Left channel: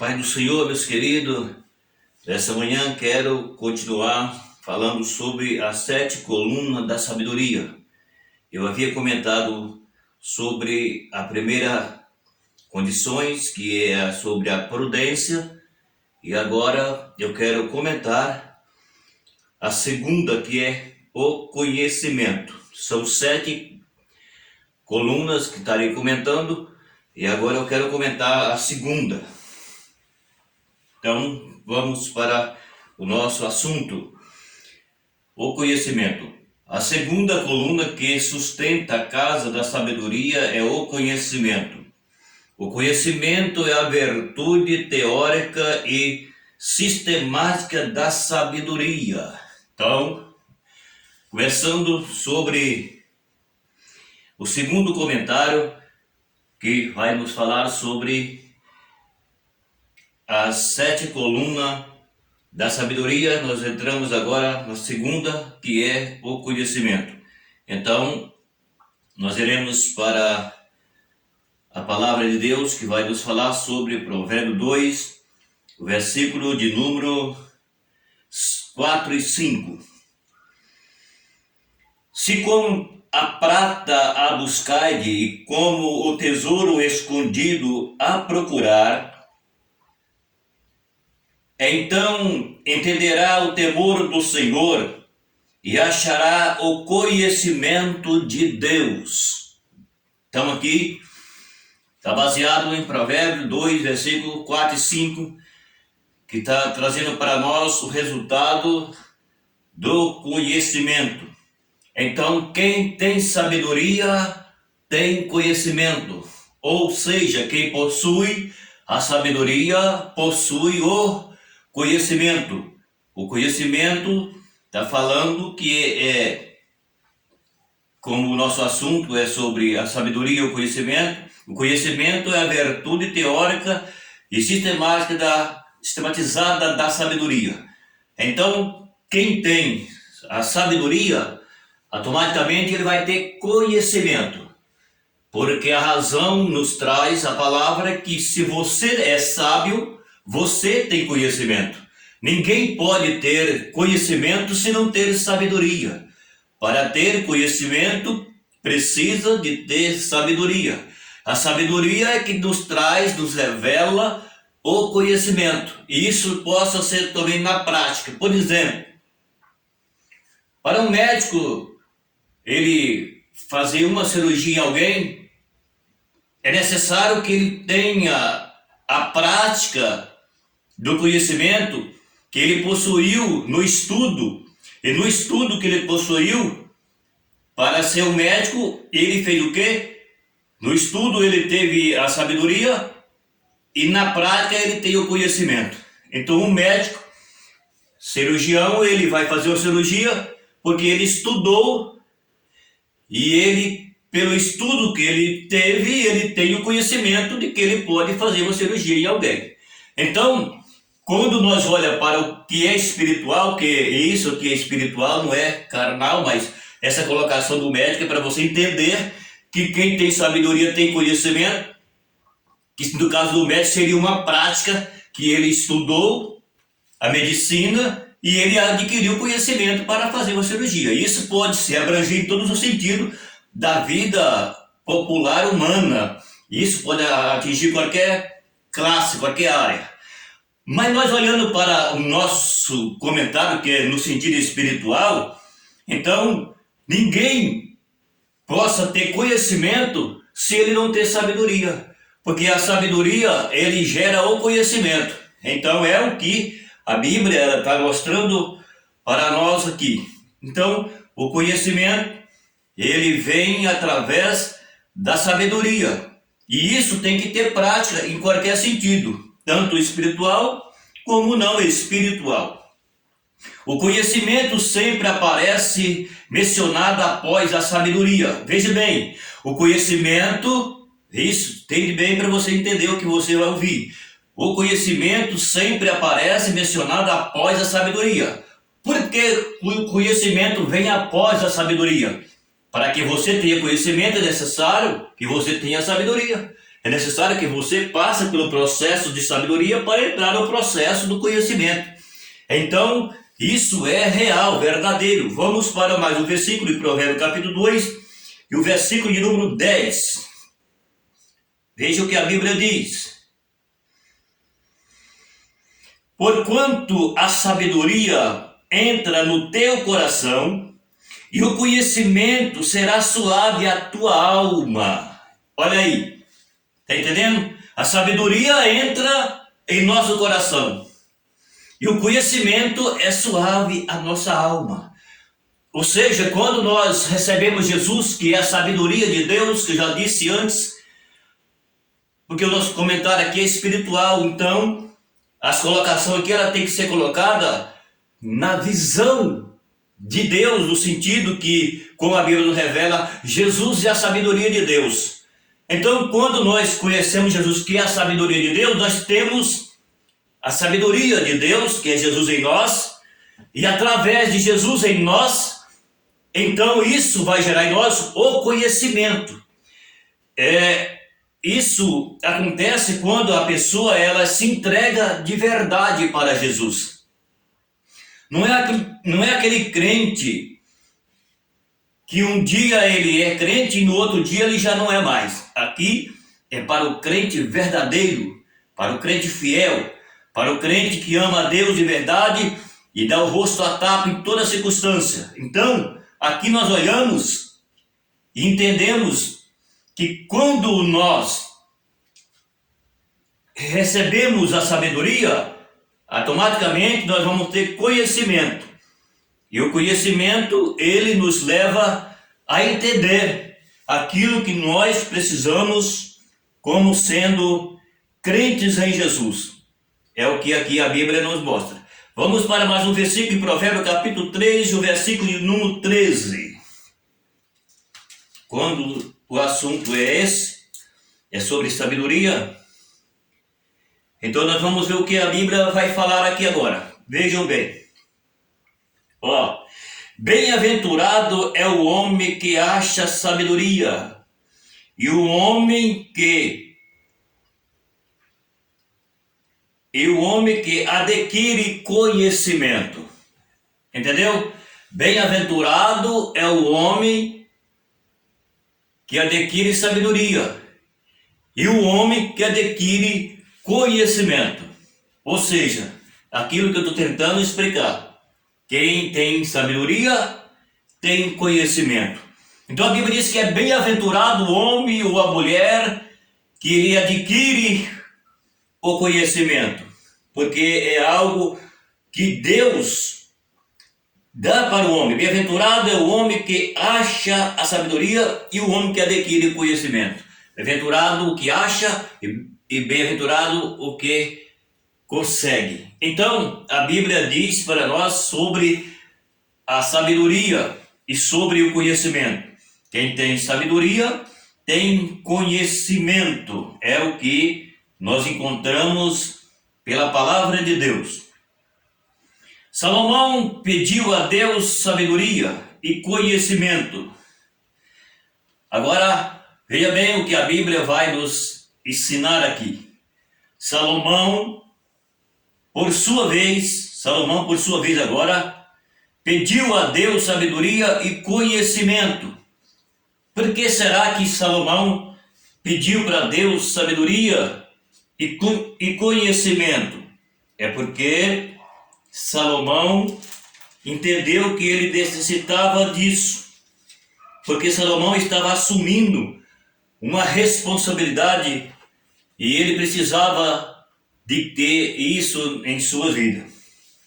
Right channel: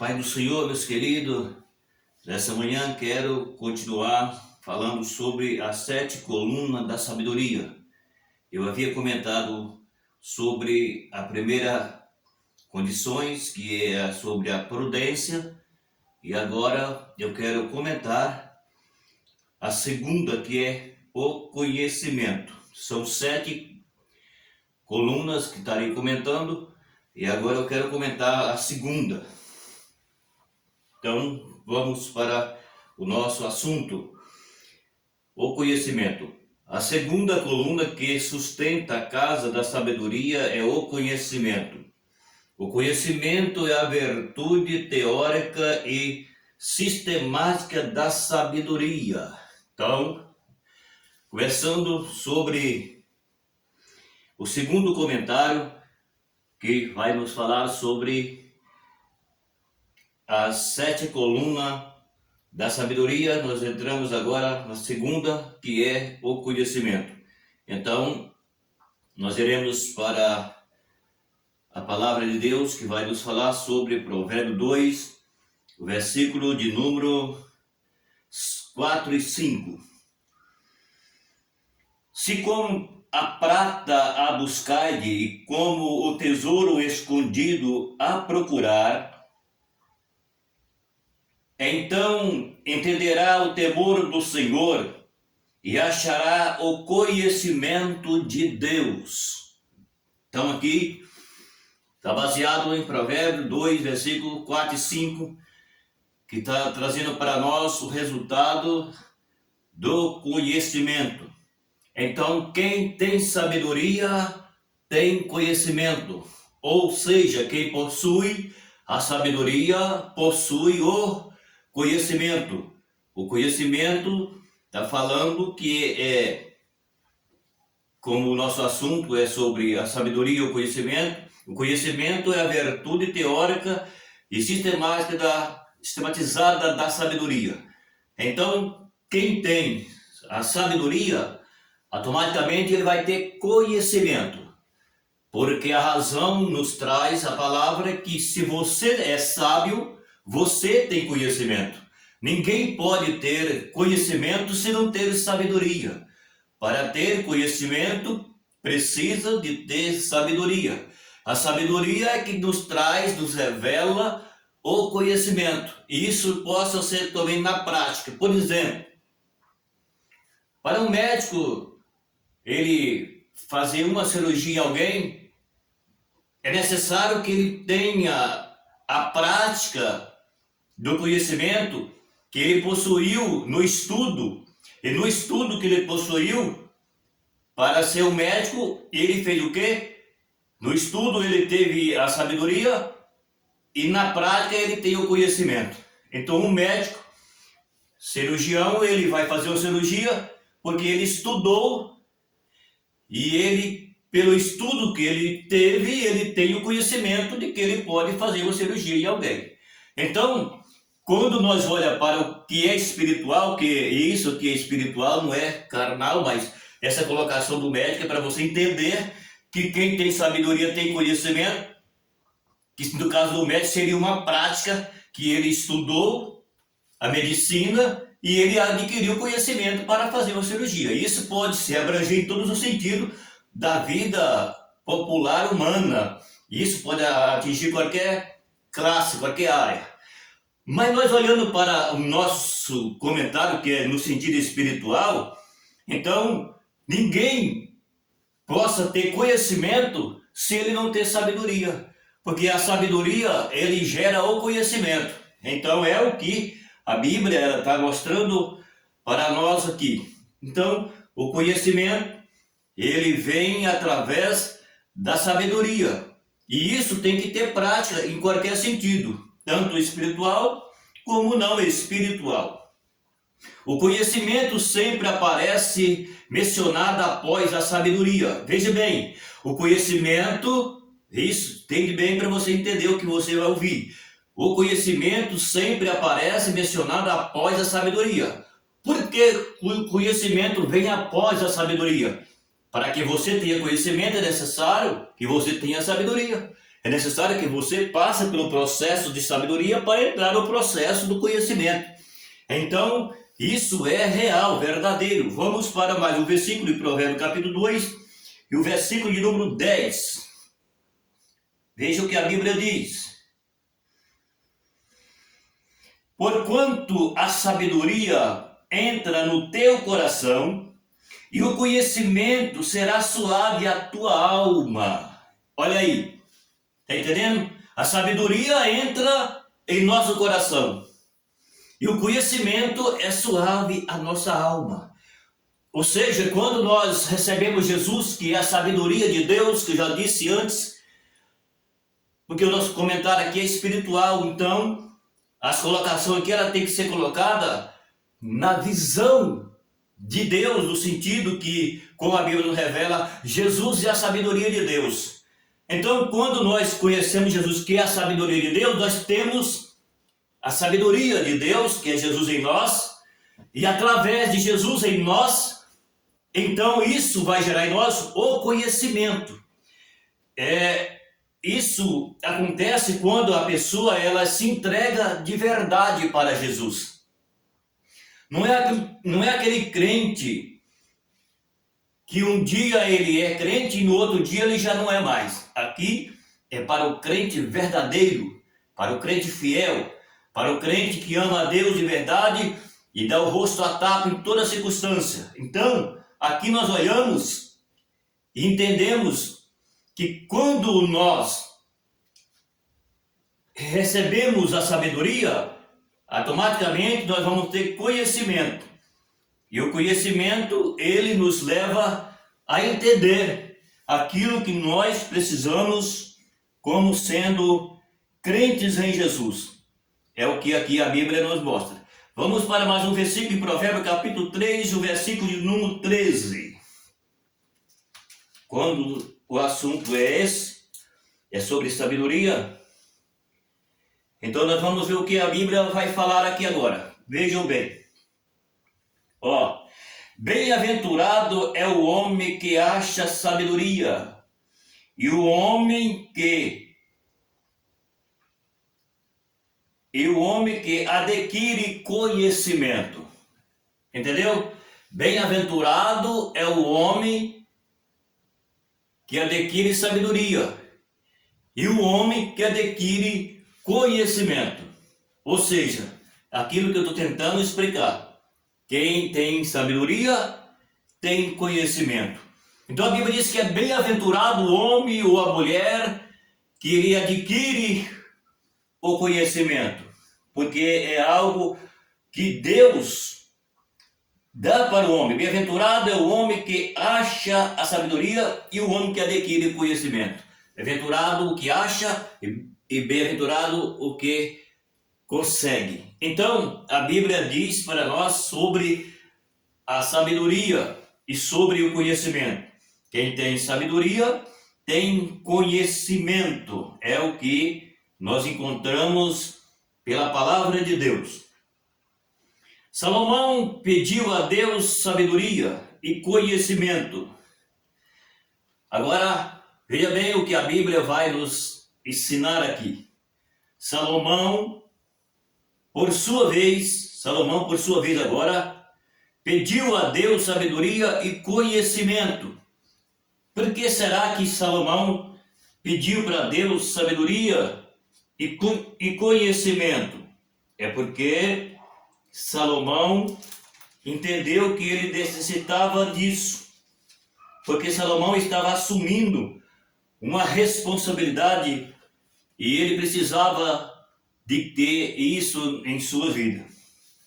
Pai do Senhor, meus queridos, nessa manhã quero continuar falando sobre as 7 colunas da sabedoria. Eu havia comentado sobre a primeira condições, que é sobre a prudência, e agora eu quero comentar a segunda, que é o conhecimento. São 7 colunas que estarei comentando, e agora eu quero comentar a segunda. Então, vamos para o nosso assunto, o conhecimento. A segunda coluna que sustenta a casa da sabedoria é o conhecimento. O conhecimento é a virtude teórica e sistemática da sabedoria. Então, começando sobre o segundo comentário, que vai nos falar sobre as 7 colunas da sabedoria. Nós entramos agora na segunda, que é o conhecimento. Então, nós iremos para a palavra de Deus, que vai nos falar sobre Provérbio 2, o versículo de número 4 e 5. Se como a prata a buscardes, e como o tesouro escondido a procurar, então entenderá o temor do Senhor e achará o conhecimento de Deus. Então aqui está baseado em Provérbios 2, versículo 4 e 5, que está trazendo para nós o resultado do conhecimento. Então, quem tem sabedoria tem conhecimento, ou seja, quem possui a sabedoria possui o conhecimento. O conhecimento está falando que como o nosso assunto é sobre a sabedoria e o conhecimento é a virtude teórica e sistematizada da sabedoria. Então, quem tem a sabedoria, automaticamente ele vai ter conhecimento, porque a razão nos traz a palavra que se você é sábio, você tem conhecimento. Ninguém pode ter conhecimento se não ter sabedoria. Para ter conhecimento, precisa de ter sabedoria. A sabedoria é que nos traz, nos revela o conhecimento. E isso possa ser também na prática. Por exemplo, para um médico ele fazer uma cirurgia em alguém, é necessário que ele tenha a prática do conhecimento que ele possuiu no estudo. E no estudo que ele possuiu para ser um médico, ele fez o quê? No estudo ele teve a sabedoria e na prática ele tem o conhecimento. Então um médico, cirurgião, ele vai fazer uma cirurgia porque ele estudou e ele, pelo estudo que ele teve, ele tem o conhecimento de que ele pode fazer uma cirurgia em alguém. Então, quando nós olhamos para o que é espiritual, que isso que é espiritual não é carnal, mas essa colocação do médico é para você entender que quem tem sabedoria tem conhecimento, que no caso do médico seria uma prática que ele estudou a medicina e ele adquiriu conhecimento para fazer uma cirurgia. Isso pode se abranger em todos os sentidos da vida popular humana. Isso pode atingir qualquer classe, qualquer área. Mas nós olhando para o nosso comentário, que é no sentido espiritual, então ninguém possa ter conhecimento se ele não ter sabedoria. Porque a sabedoria, ele gera o conhecimento. Então é o que a Bíblia está mostrando para nós aqui. Então, o conhecimento, ele vem através da sabedoria. E isso tem que ter prática em qualquer sentido, tanto espiritual como não espiritual. O conhecimento sempre aparece mencionado após a sabedoria. Veja bem, o conhecimento, isso, entende bem para você entender o que você vai ouvir. O conhecimento sempre aparece mencionado após a sabedoria. Por que o conhecimento vem após a sabedoria? Para que você tenha conhecimento é necessário que você tenha sabedoria. É necessário que você passe pelo processo de sabedoria para entrar no processo do conhecimento. Então, isso é real, verdadeiro. Vamos para mais um versículo de Provérbios capítulo 2 e o versículo de número 10. Veja o que a Bíblia diz. Porquanto a sabedoria entra no teu coração e o conhecimento será suave à tua alma. Olha aí, está entendendo? A sabedoria entra em nosso coração e o conhecimento é suave à nossa alma. Ou seja, quando nós recebemos Jesus, que é a sabedoria de Deus, que eu já disse antes, porque o nosso comentário aqui é espiritual, então as colocações aqui ela tem que ser colocada na visão de Deus, no sentido que, como a Bíblia nos revela, Jesus é a sabedoria de Deus. Então, quando nós conhecemos Jesus, que é a sabedoria de Deus, nós temos a sabedoria de Deus, que é Jesus em nós, e através de Jesus em nós, então isso vai gerar em nós o conhecimento. Isso acontece quando a pessoa ela se entrega de verdade para Jesus. Não é aquele crente que um dia ele é crente e no outro dia ele já não é mais. Aqui é para o crente verdadeiro, para o crente fiel, para o crente que ama a Deus de verdade e dá o rosto à tapa em toda circunstância. Então, aqui nós olhamos e entendemos que quando nós recebemos a sabedoria, automaticamente nós vamos ter conhecimento. E o conhecimento, ele nos leva a entender aquilo que nós precisamos como sendo crentes em Jesus. É o que aqui a Bíblia nos mostra. Vamos para mais um versículo em Provérbios capítulo 3, o versículo de número 13. Quando o assunto é esse, é sobre sabedoria, então nós vamos ver o que a Bíblia vai falar aqui agora. Vejam bem. Bem-aventurado é o homem que acha sabedoria, e o homem que adquire conhecimento. Entendeu? Bem-aventurado é o homem que adquire sabedoria e o homem que adquire conhecimento. Ou seja, aquilo que eu estou tentando explicar. Quem tem sabedoria tem conhecimento. Então a Bíblia diz que é bem-aventurado o homem ou a mulher que ele adquire o conhecimento, porque é algo que Deus dá para o homem. Bem-aventurado é o homem que acha a sabedoria e o homem que adquire o conhecimento. Bem-aventurado o que acha e bem-aventurado o que consegue. Então, a Bíblia diz para nós sobre a sabedoria e sobre o conhecimento. Quem tem sabedoria tem conhecimento. É o que nós encontramos pela palavra de Deus. Salomão pediu a Deus sabedoria e conhecimento. Agora, veja bem o que a Bíblia vai nos ensinar aqui. Salomão, por sua vez agora, pediu a Deus sabedoria e conhecimento. Por que será que Salomão pediu para Deus sabedoria e conhecimento? É porque Salomão entendeu que ele necessitava disso. Porque Salomão estava assumindo uma responsabilidade e ele precisava de ter isso em sua vida.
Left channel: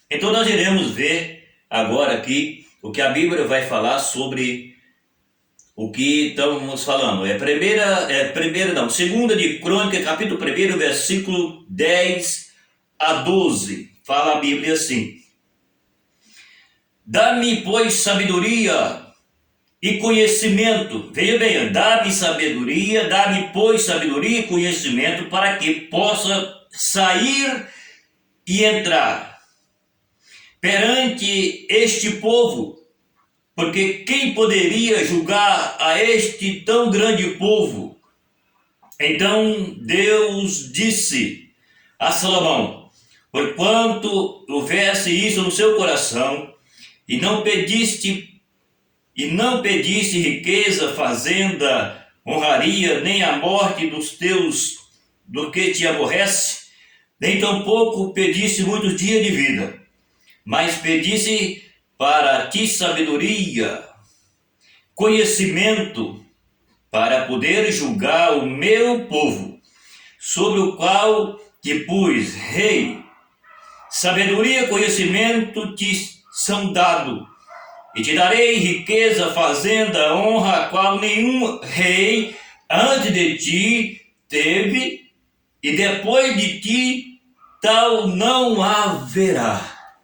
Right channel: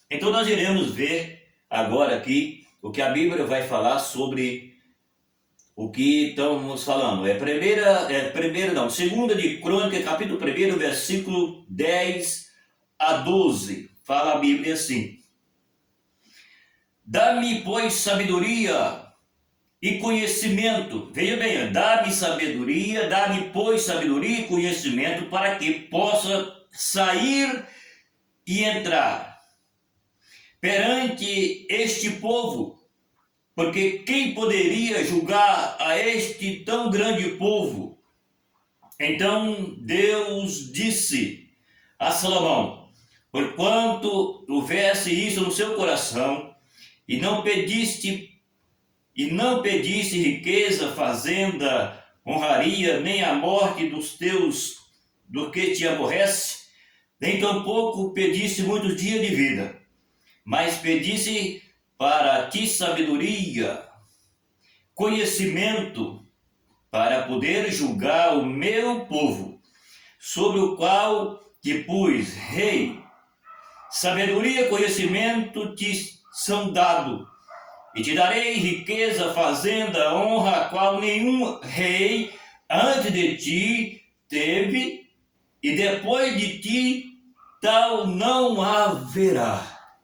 Então nós iremos ver agora aqui o que a Bíblia vai falar sobre o que estamos falando. Segunda de Crônica, capítulo 1, versículo 10 a 12. Fala a Bíblia assim: Dá-me, pois, sabedoria e conhecimento. Veja bem, dá-me, pois, sabedoria e conhecimento, para que possa sair e entrar perante este povo, porque quem poderia julgar a este tão grande povo? Então Deus disse a Salomão: porquanto houvesse isso no seu coração, e não pediste riqueza, fazenda, honraria, nem a morte dos teus, do que te aborrece, nem tampouco pediste muitos dias de vida, mas pediste para ti sabedoria, conhecimento, para poder julgar o meu povo, sobre o qual te pus rei. Sabedoria e conhecimento te são dados, e te darei riqueza, fazenda, honra, a qual nenhum rei antes de ti teve, e depois de ti tal não haverá.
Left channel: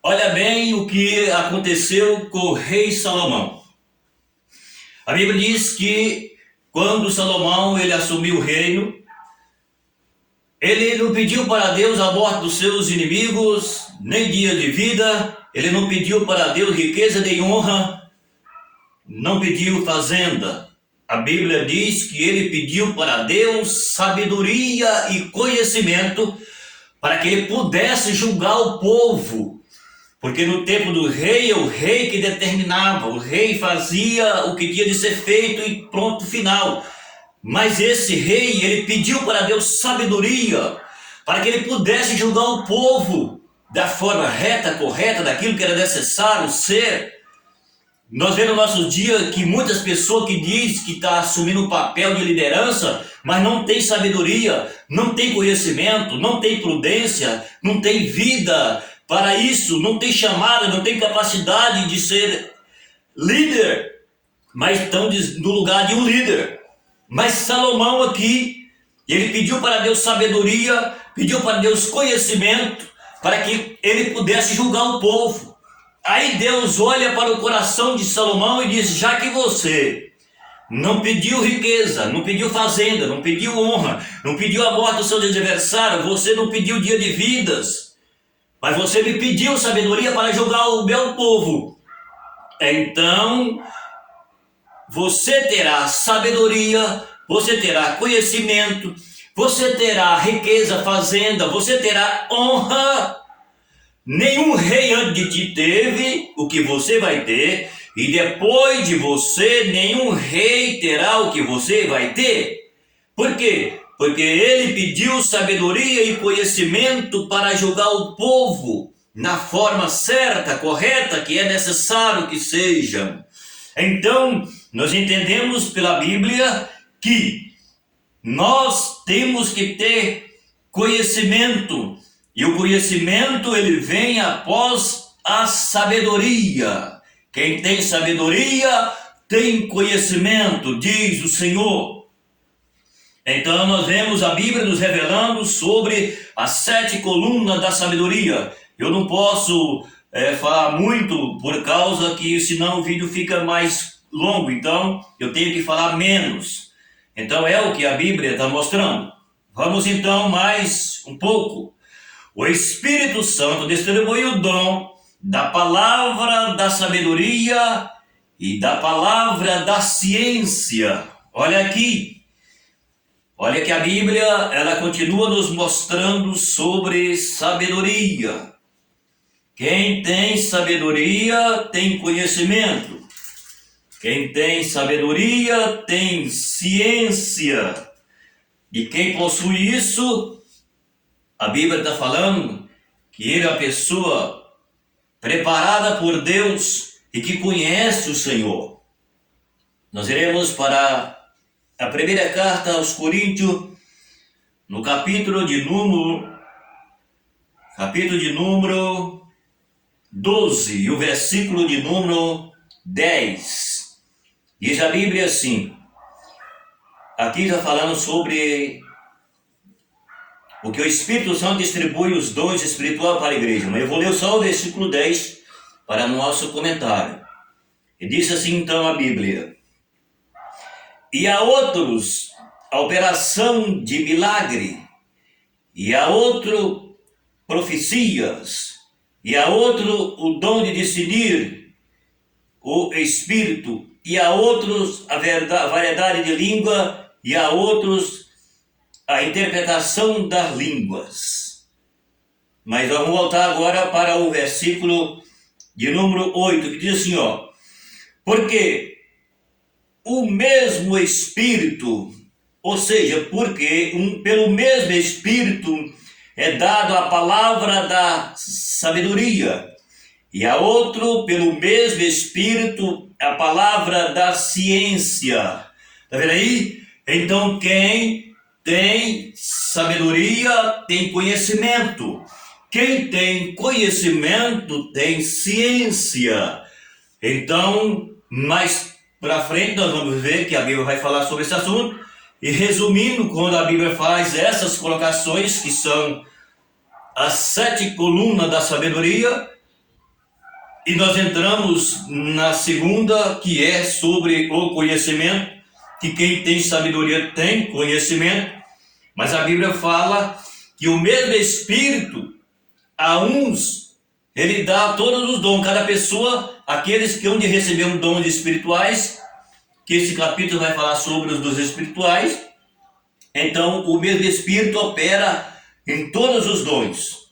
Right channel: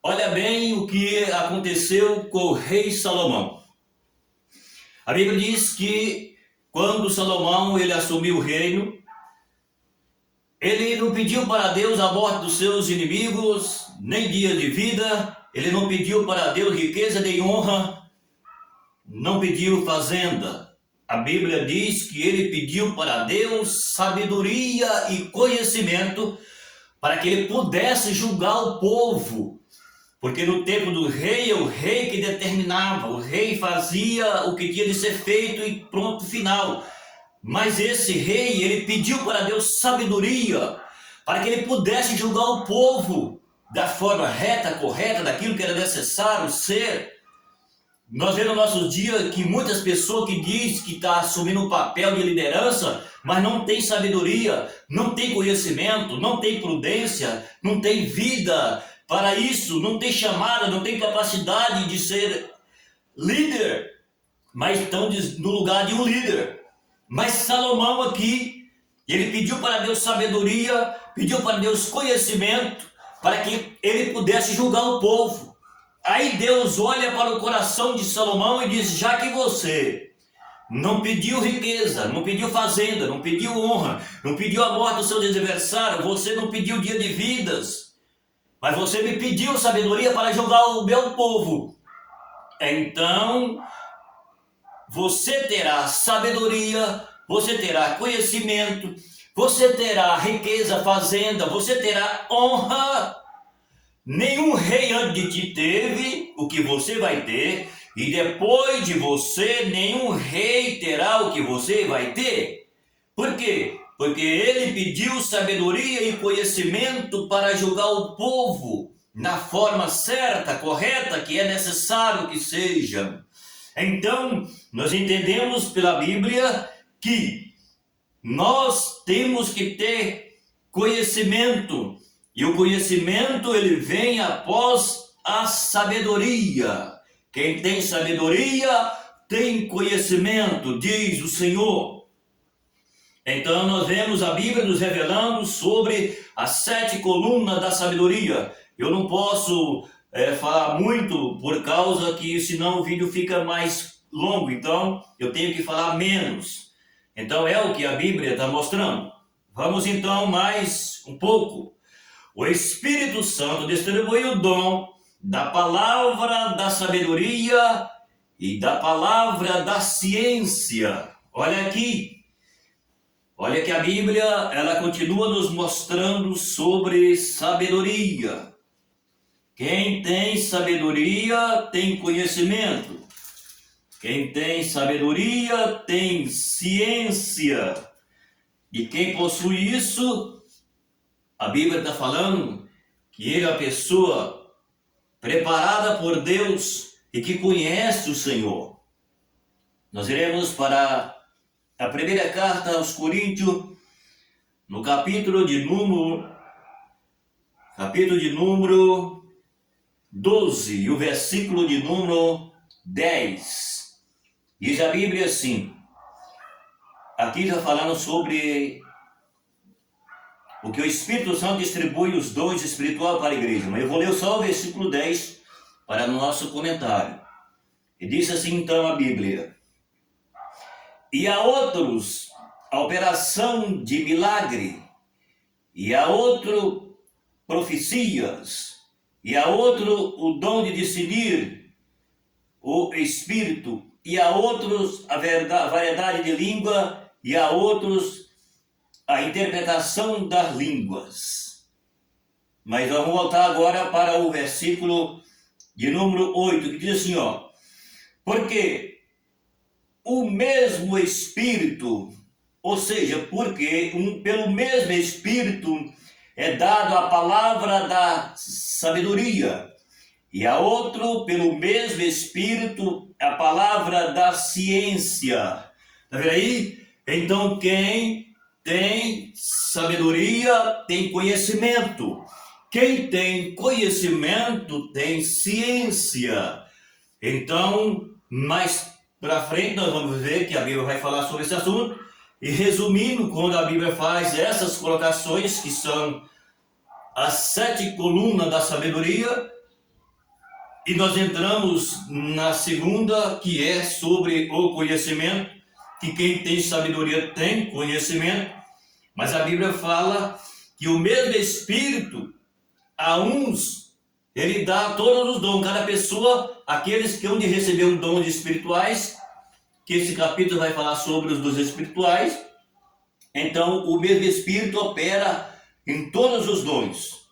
Olha bem o que aconteceu com o rei Salomão. A Bíblia diz que quando Salomão ele assumiu o reino, ele não pediu para Deus a morte dos seus inimigos, nem dias de vida, ele não pediu para Deus riqueza nem honra, não pediu fazenda. A Bíblia diz que ele pediu para Deus sabedoria e conhecimento para que ele pudesse julgar o povo. Porque no tempo do rei, é o rei que determinava, o rei fazia o que tinha de ser feito e pronto, final. Mas esse rei, ele pediu para Deus sabedoria, para que ele pudesse julgar o povo da forma reta, correta, daquilo que era necessário ser. Nós vemos no nosso dia que muitas pessoas que dizem que está assumindo um papel de liderança, mas não tem sabedoria, não tem conhecimento, não tem prudência, não tem vida para isso, não tem chamada, não tem capacidade de ser líder, mas estão no lugar de um líder. Mas Salomão aqui, ele pediu para Deus sabedoria, pediu para Deus conhecimento, para que ele pudesse julgar o povo. Aí Deus olha para o coração de Salomão e diz: já que você não pediu riqueza, não pediu fazenda, não pediu honra, não pediu a morte do seu adversário, você não pediu dia de vidas, mas você me pediu sabedoria para julgar o meu povo, então você terá sabedoria, você terá conhecimento, você terá riqueza, fazenda, você terá honra. Nenhum rei antes de ti teve o que você vai ter, e depois de você, nenhum rei terá o que você vai ter. Por quê? Porque ele pediu sabedoria e conhecimento para julgar o povo na forma certa, correta, que é necessário que seja. Então, nós entendemos pela Bíblia que nós temos que ter conhecimento, e o conhecimento ele vem após a sabedoria. Quem tem sabedoria tem conhecimento, diz o Senhor. Então nós vemos a Bíblia nos revelando sobre as 7 colunas da sabedoria. Eu não posso falar muito por causa que senão o vídeo fica mais longo, então eu tenho que falar menos. Então é o que a Bíblia está mostrando. Vamos então mais um pouco. O Espírito Santo distribui o dom da palavra da sabedoria e da palavra da ciência. Olha aqui. Olha que a Bíblia, ela continua nos mostrando sobre sabedoria. Quem tem sabedoria tem conhecimento. Quem tem sabedoria tem ciência. E quem possui isso, a Bíblia está falando que ele é uma pessoa preparada por Deus e que conhece o Senhor. Nós iremos para a primeira carta aos Coríntios, no capítulo de número 12, e o versículo de número 10. Diz a Bíblia assim, aqui está falando sobre o que o Espírito Santo distribui os dons espirituais para a igreja. Mas eu vou ler só o versículo 10 para o nosso comentário. E diz assim então a Bíblia: e a outros a operação de milagre, e a outro profecias, e a outro o dom de discernir o Espírito, e a outros a variedade de língua, e a outros a interpretação das línguas. Mas vamos voltar agora para o versículo de número 8, que diz assim, ó: porque o mesmo Espírito, ou seja, porque pelo mesmo Espírito é dado a palavra da sabedoria, e a outro, pelo mesmo Espírito, a palavra da ciência. Tá vendo aí? Então, quem tem sabedoria tem conhecimento. Quem tem conhecimento tem ciência. Então, mais para frente nós vamos ver que a Bíblia vai falar sobre esse assunto. E resumindo, quando a Bíblia faz essas colocações, que são as 7 colunas da sabedoria, e nós entramos na segunda, que é sobre o conhecimento, que quem tem sabedoria tem conhecimento, mas a Bíblia fala que o mesmo Espírito, a uns, ele dá todos os dons, cada pessoa, aqueles que hão de receber um dom de espirituais, que esse capítulo vai falar sobre os dons espirituais. Então, o mesmo Espírito opera em todos os dons,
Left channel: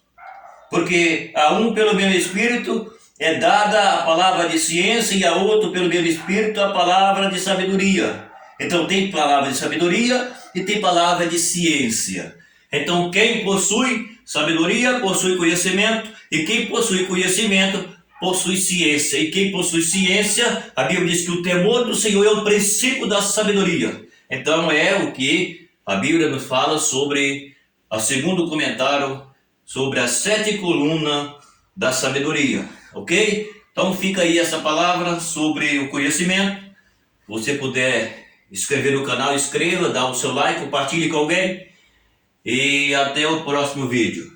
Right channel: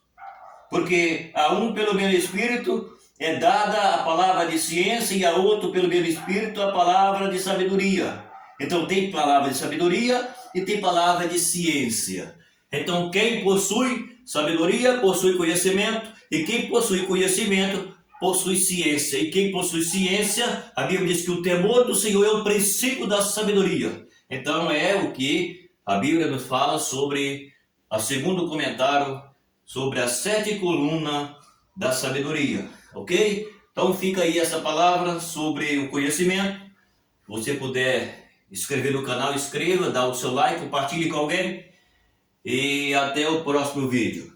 porque a um, pelo mesmo Espírito, é dada a palavra de ciência, e a outro, pelo mesmo Espírito, a palavra de sabedoria. Então, tem palavra de sabedoria e tem palavra de ciência. Então, quem possui sabedoria possui conhecimento, e quem possui conhecimento possui ciência. E quem possui ciência, a Bíblia diz que o temor do Senhor é o princípio da sabedoria. Então, é o que a Bíblia nos fala sobre o segundo comentário, sobre as 7 colunas da sabedoria, ok? Então fica aí essa palavra sobre o conhecimento. Se você puder inscrever no canal, inscreva, dá o seu like, compartilhe com alguém, e até o próximo vídeo.